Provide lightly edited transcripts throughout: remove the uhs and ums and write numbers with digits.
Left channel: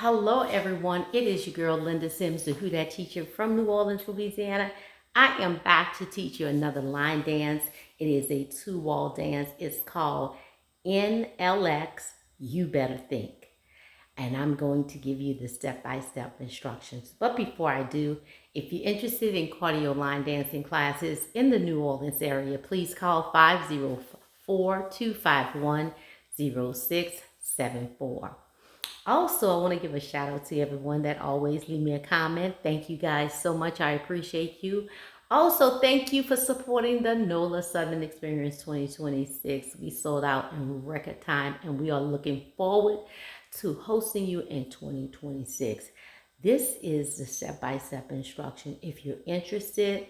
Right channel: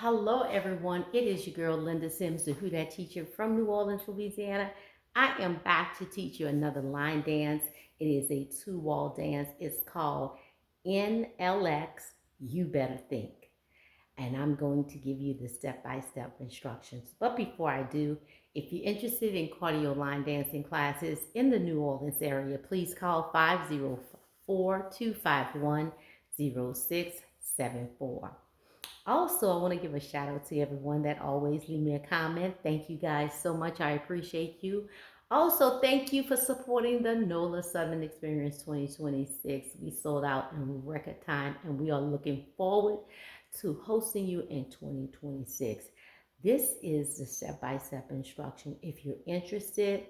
Hello, everyone. It is your girl, Linda Sims, the Who Dat teacher from New Orleans, Louisiana. I am back to teach you another line dance. It is a two-wall dance. It's called NLX, You Better Think. And I'm going to give you the step-by-step instructions. But before I do, if you're interested in cardio line dancing classes in the New Orleans area, please call 504-251-0674. Also, I want to give a shout out to everyone that always leave me a comment. Thank you guys so much. I appreciate you. Also, thank you for supporting the NOLA Southern Experience 2026. We sold out in record time and we are looking forward to hosting you in 2026. This is the step-by-step instruction. If you're interested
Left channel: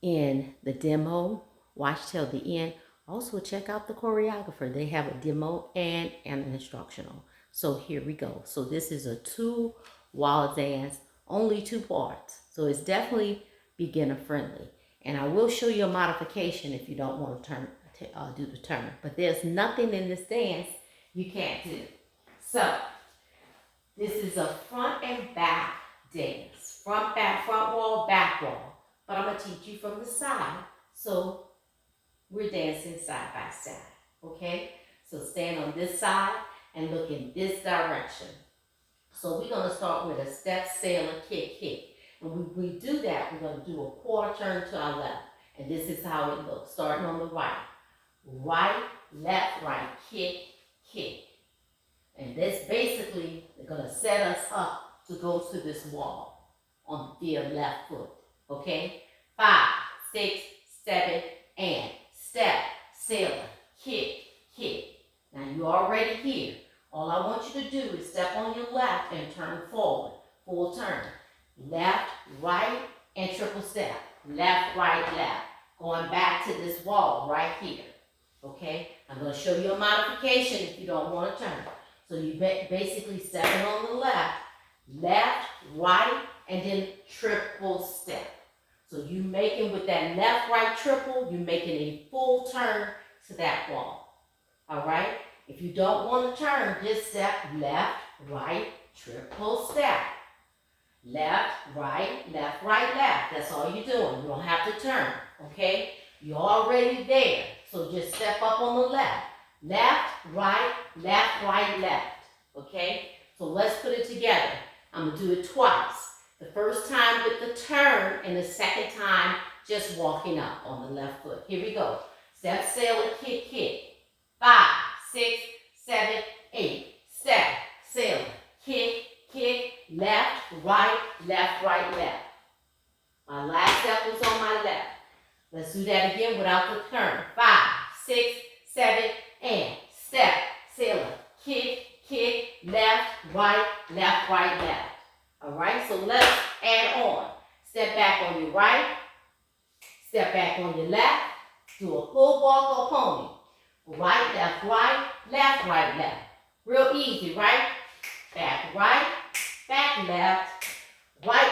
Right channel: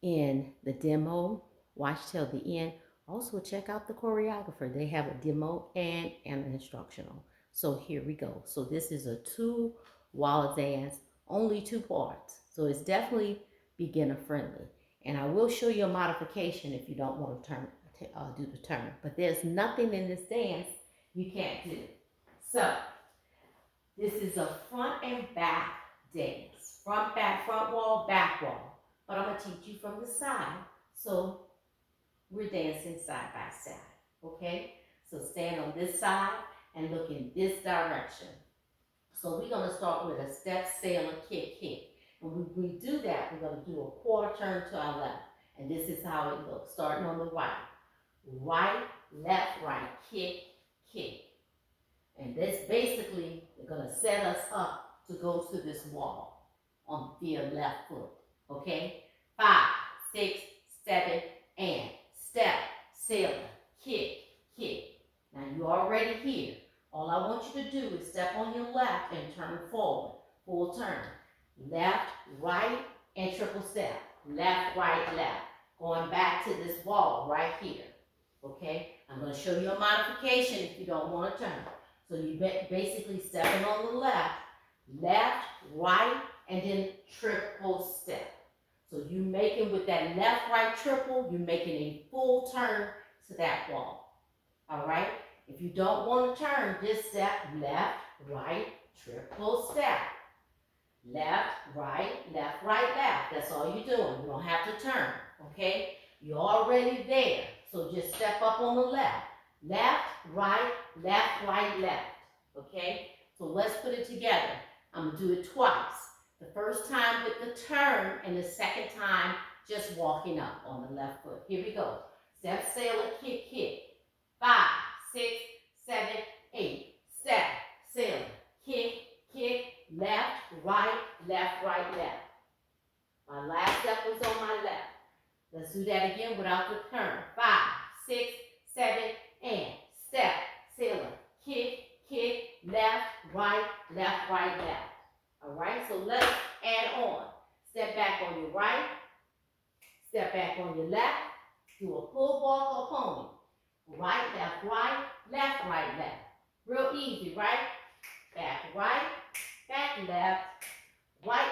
in the demo, watch till the end. Also, check out the choreographer. They have a demo and an instructional. So here we go. So this is a two-wall dance, only two parts. So it's definitely beginner friendly. And I will show you a modification if you don't want to do the turn. But there's nothing in this dance you can't do. So this is a front and back dance. Front, back, front wall, back wall. But I'm going to teach you from the side. So we're dancing side by side. Okay? So stand on this side and look in this direction. So we're going to start with a step, sailor, kick, kick. And when we do that, we're going to do a quarter turn to our left. And this is how it looks, starting on the right. Right, left, right, kick, kick. And this basically is going to set us up to go to this wall on the left foot. Okay? 5, 6, 7, and step, sailor, kick, kick. Now you're already here. All I want you to do is step on your left and turn forward. Full turn. Left, right, and triple step. Left, right, left. Going back to this wall right here. Okay? I'm going to show you a modification if you don't want to turn. So you basically stepping on the left, left, right, and then triple step. So you making with that left, right, triple, you're making a full turn to that wall. All right? If you don't want to turn, just step left, right, triple step. Left, right, left, That's all you're doing. You don't have to turn, okay? You're already there. So just step up on the left. Left, right, left. Okay? So let's put it together. I'm going to do it twice. The first time with the turn and the second time just walking up on the left foot. Here we go. Step, sailor, kick, kick. 5, 6, 7, 8. Step, sailor, kick, kick, left, right, left. My last step was on my left. Let's do that again without the turn. 5, 6, 7, and step, sailor, kick, kick, left, right. All right, so let's add on. Step back on your right, step back on your left, do a pull walk or pony. Right, left, right. Real easy, right? Back right, back left, right.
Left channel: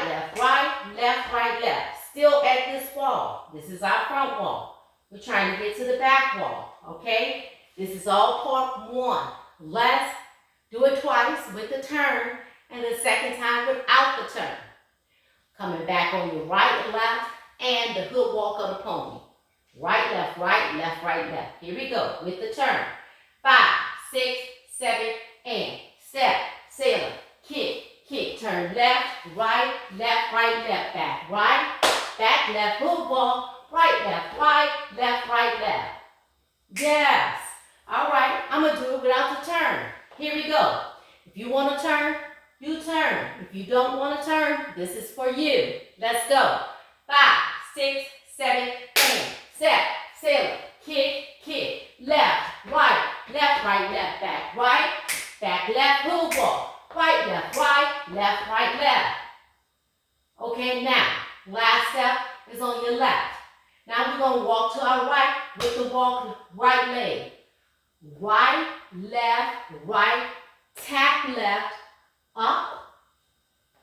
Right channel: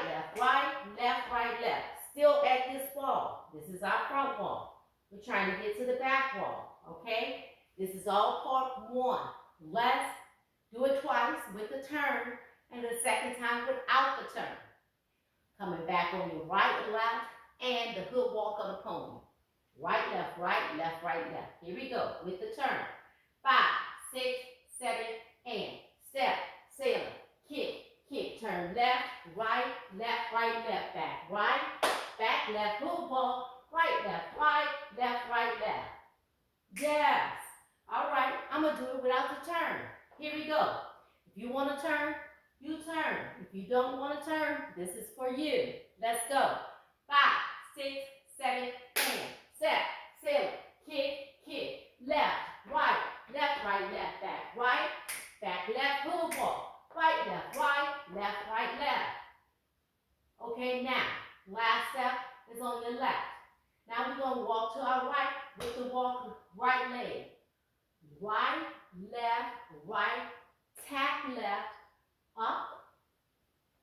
Still at this wall. This is our front wall. We're trying to get to the back wall, okay? This is all part one. Let's do it twice with the turn and the second time without the turn. Coming back on your right, left, and the hook walk of the pony. Right, left, left. Here we go with the turn. 5, 6, 7, and step, sailor, kick, turn left, right, left. Back right, back left, hook walk, right, left. Yes. All right, I'm going to do it without the turn. Here we go. If you want to turn, you turn. If you don't want to turn, this is for you. Let's go. 5, 6, 7, and step, sailor, kick, left, right, left. Back right, back left, hook walk, right, left. Okay, now, last step is on your left. Now we're going to walk to our right with the walk right leg. Right, left, tap left, up,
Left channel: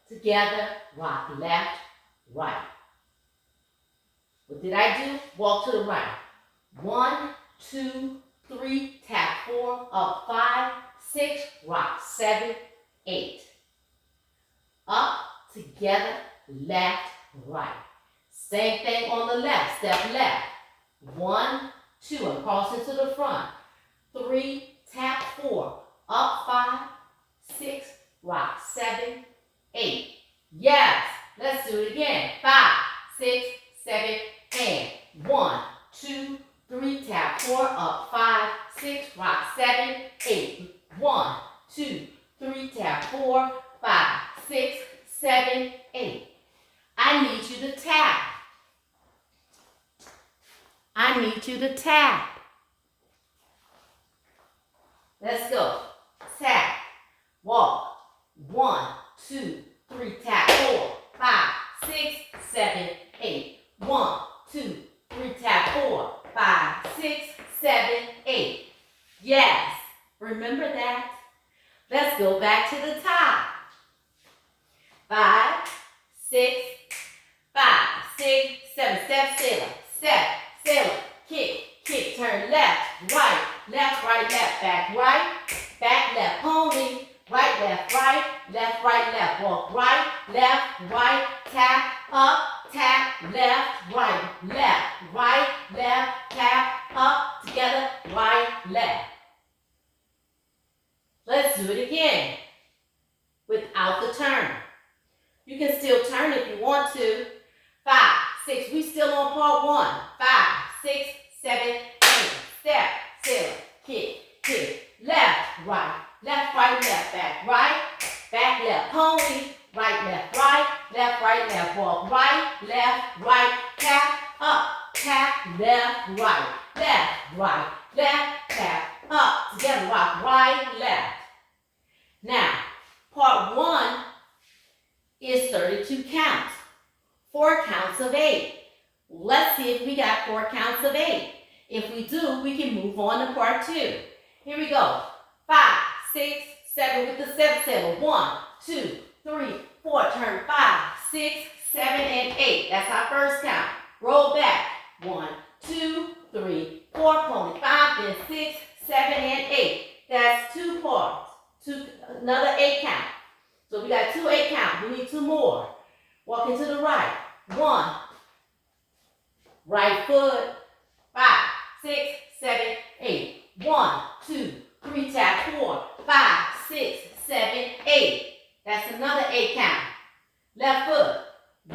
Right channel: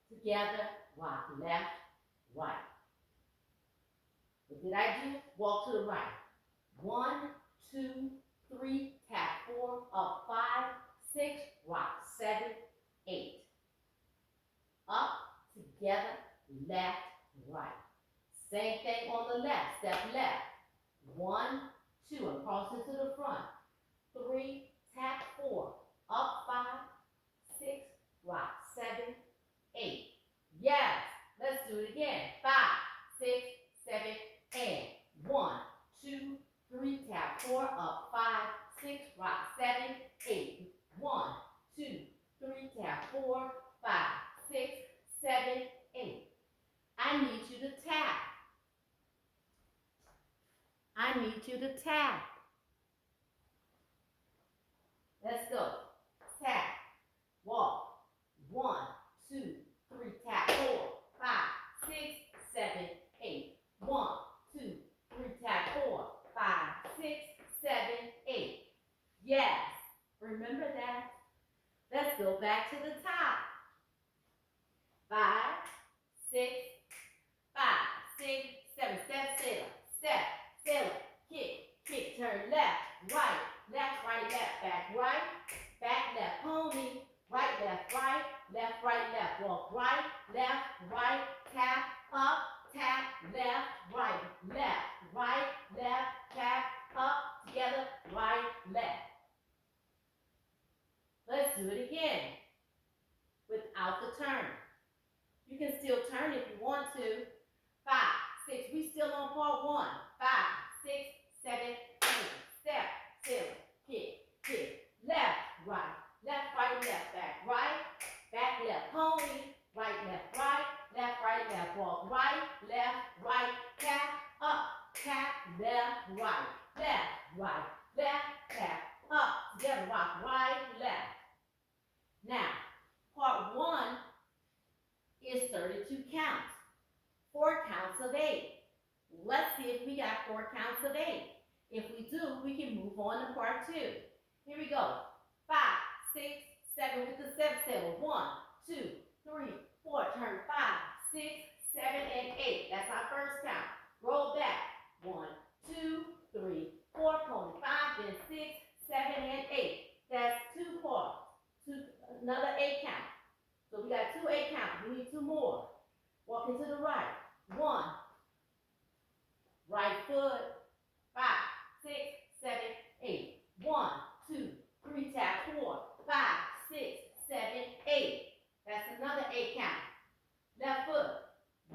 together, rock left, right. What did I do? Walk to the right. 1, 2, 3, tap 4, up 5, 6, rock 7, 8. together, left, right. Same thing on the left, step left. 1, 2, and cross into the front. 3, tap 4, up 5, 6, rock 7, 8. Yes, let's do it again. 5, 6, 7, and 1, 2, 3, tap 4, up 5, 6, rock 7, 8. 1, 2, 3, tap 4, 5, 6, 7, 8. I need you to tap. I need you to tap. Let's go. Tap. Walk. 1, 2, 3, tap 4, 5, 6, 7, 8. 1, 2, 3, tap 4, 5, 6, 7, 8. Yes. Remember that? Let's go back to the top. 5, 6, 5, 6, 7. Step, sailor. Step, sailor. Kick, kick, turn left, right, left, right, back, left, pony, right, left, left, walk right, tap, up, tap, left, right, tap, up, together, right, left. Let's do it again without the turn. You can still turn if you want to. 5, 6, we still on part 1. 5, 6, 7, 8. Step, sailor, kick, left, right, back, left, pony, right, walk right, tap, up, tap, left, right, tap, up, together, rock, right, left. Now, part 1 is 32 counts, 4 counts of 8. Let's see if we got 4 counts of 8. If we do, we can move on to part 2. Here we go. 5, 6, 7 with the step sailor. 1, 2, 3, 4. Turn 5, 6, 7, and 8. That's our first count. Roll back. 1, 2, 3, 4. Pony. 5, then 6, 7, and 8. That's 2 parts. Another 8 count. So we got 2 8 counts. We need 2 more. Walking to the right. 1. Right foot. 5, 6, 7, 8. 1, 2, 3, tap 4, 5, 6, 7, 8. That's another 8 count. Left foot.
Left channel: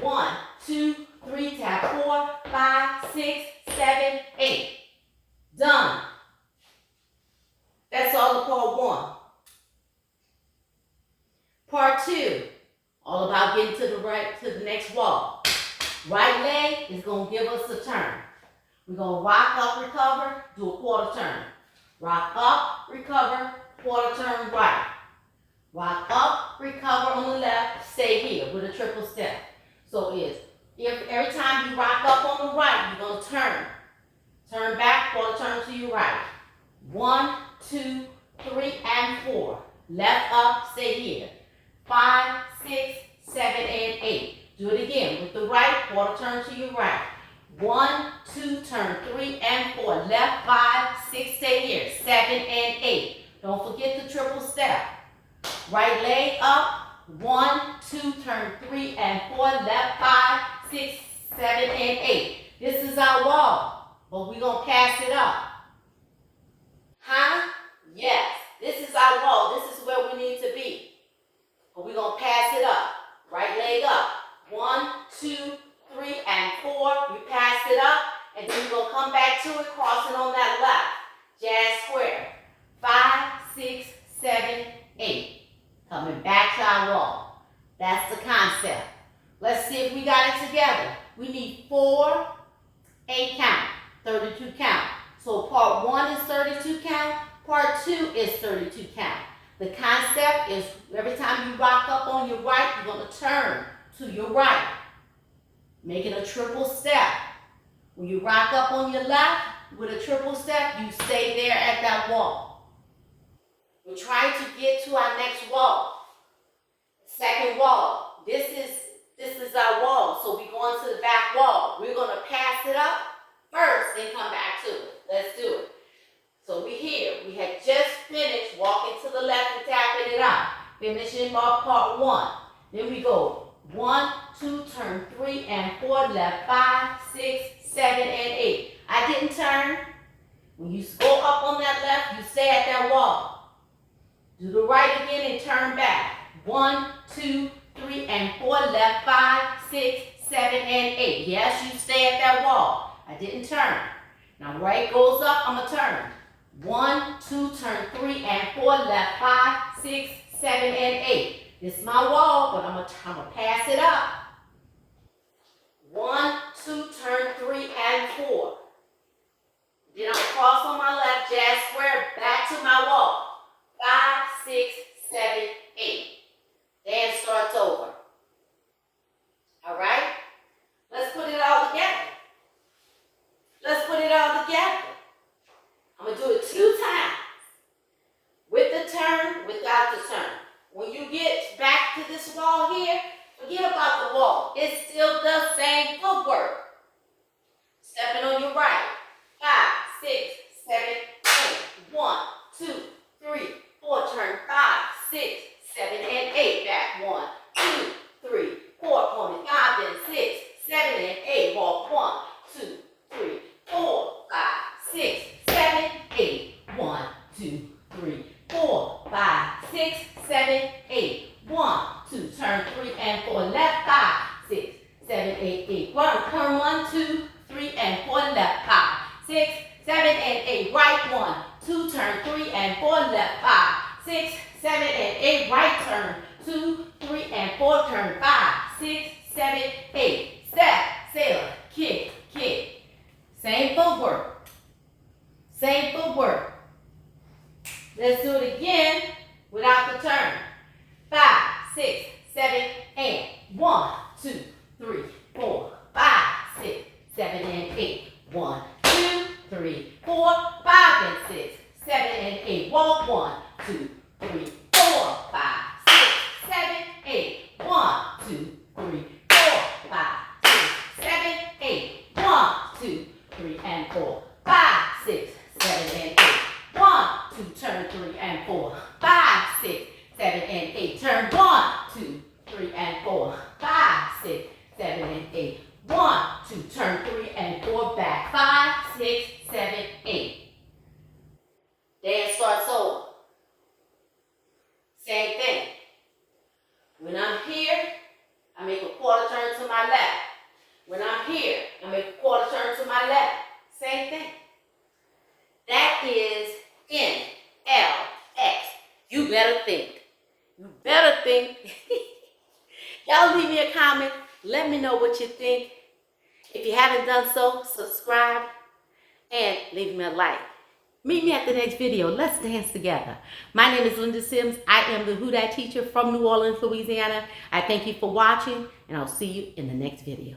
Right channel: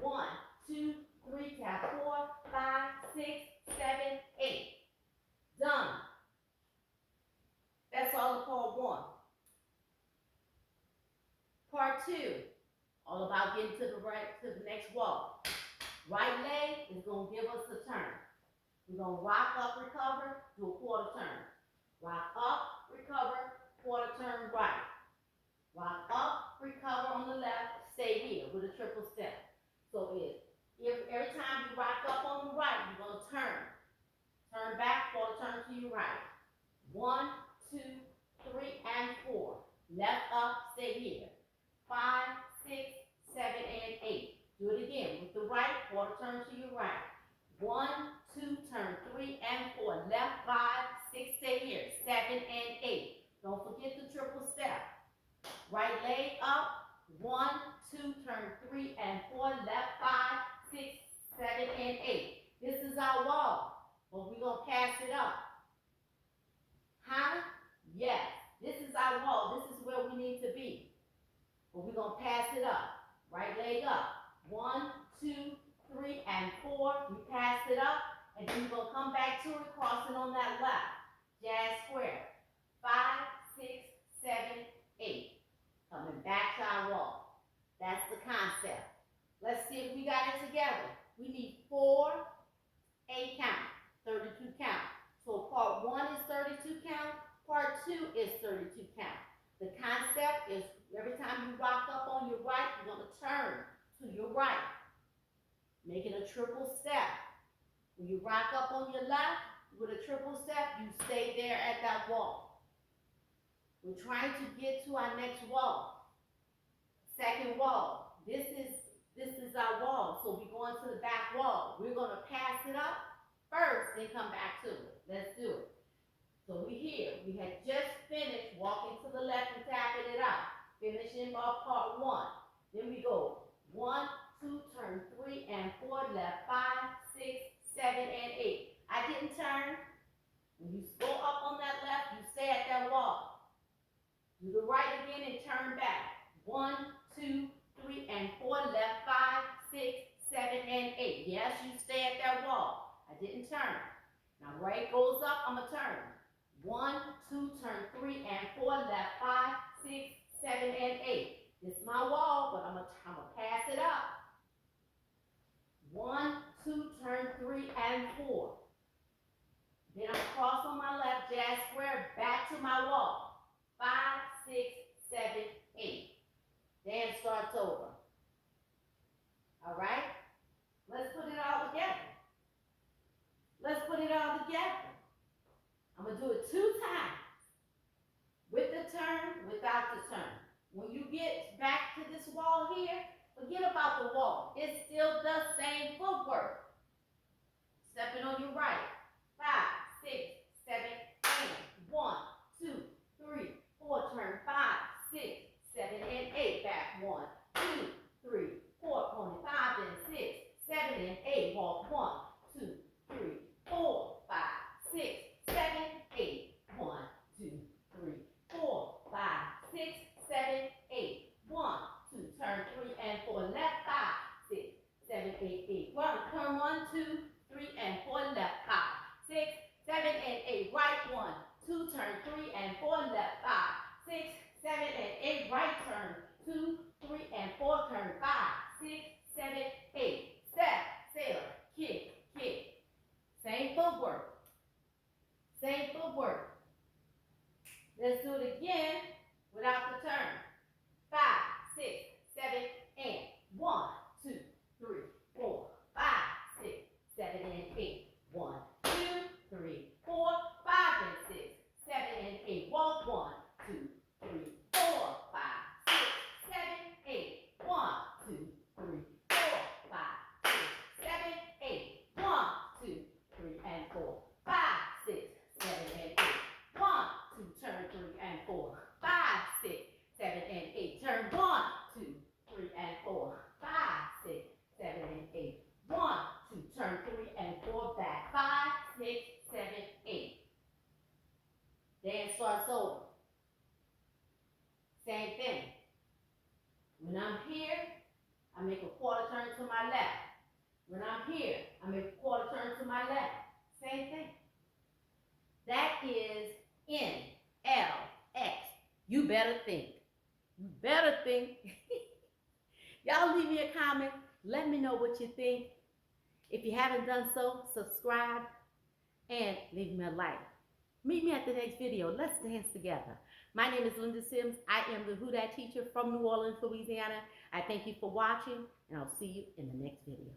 1, 2, 3, tap 4, 5, 6, 7, 8. Done. That's all of part 1. Part 2, all about getting to the right, to the next wall. Right leg is going to give us a turn. We're going to rock up, recover, do a quarter turn. Rock up, recover, quarter turn right. Rock up, recover on the left, stay here with a triple step. So if every time you rock up on the right, you're going to turn. Turn back, quarter turn to your right. 1, 2, 3, and 4. Left up, stay here. 5, 6, 7, and 8. Do it again with the right, quarter turn to your right. 1, 2, turn 3 and 4. Left 5, 6, stay here. 7 and 8. Don't forget the triple step. Right leg up. 1, 2, turn 3 and 4. Left 5, 6, 7, and 8. This is our wall, but we're going to pass it up. Huh? Yes. This is our wall. This is where we need to be. But we're going to pass it up. Right leg up. 1, 2, 3, and 4. We pass it up, and then we're going to come back to it, crossing on that left. Jazz square. 5, 6, 7, 8. Coming back to our wall. That's the concept. Let's see if we got it together. We need 4, 8 count, 32 count. So part 1 is 32 count. Part 2 is 32 count. The concept is every time you rock up on your right, you're going to turn to your right, making a triple step. When you rock up on your left with a triple step, you stay there at that wall. We're trying to get to our next wall. Second wall. This is our wall. So we're going to the back wall. We're going to pass it up first and come back to it. Let's do it. So we're here. We had just finished walking to the left and tapping it out. Finishing off part 1. Then we go 1, 2, turn 3 and 4, left 5, 6, 7, and 8. I didn't turn. When you go up on that left, you stay at that wall. Do the right again and turn back. 1, 2, 3, and 4, left 5, 6, 7, and 8. Yes, you stay at that wall. I didn't turn. Now right goes up, I'm going to turn. 1, 2, turn 3 and 4, left 5, 6, 7, and 8. This is my wall, but I'm gonna pass it up. 1, 2, turn 3 and 4. Then I'm gonna cross on my left, jazz square, back to my wall. 5, 6, 7, 8. Dance starts over. All right? Let's put it all together. Let's put it all together. I'm gonna do it 2 times. With the turn, without the turn. When you get back to this wall here, forget about the wall. It's still the same footwork. Stepping on your right. 5, 6, 7, 8. 1, 2, 3, 4. Turn 5, 6, 7, and 8. Back 1, 2, 3, 4. Pony 5, then 6, 7, and 8. Walk 1, 2, 3, 4, 5, 6, 7, 8. 1, 2, 3, 4, 5, 6, 7, 8. 1, 2, turn 3 and 4, left 5, 6, 7, 8, 8. Turn 1, 2, 3 and 4, left 5, 6, 7, and 8. Right 1, 2, turn 3 and 4, left 5, 6, 7, and 8. Right turn 2, 3 and 4, turn 5, 6, 7, 8. Step, sailor, kick, kick. Same footwork. Same footwork. Let's do it again without the turn. 5, 6, 7, and 1, 2, 3, 4, 5, 6, 7, and 8. 1, 2, 3, 4, 5, and 6, 7, and 8. Walk 1, 2, 3, 4, 5, 6, 7, 8. 1, 2, 3, 4, 5, 6, 7, 8. 1, 2, 3, and 4, 5, 6, 7, and 8. 1, 2, turn 3 and 4, 5, 6, 7, and 8. Turn 1, 2, 3, and 4, 5, 6, 7, and 8. 1, 2, turn 3 and 4, back 5, 6, 7, 8. Dance starts over. Same thing. When I'm here, I make a quarter turn to my left. When I'm here, I make a quarter turn to my left. Same thing. That is N, L, X. You better think. You better think. Y'all leave me a comment. Let me know what you think. If you haven't done so, subscribe and leave me a like. Meet me at the next video. Let's dance together. My name is Linda Sims. I am the Who Dat teacher from New Orleans, Louisiana. I thank you for watching, and I'll see you in the next video.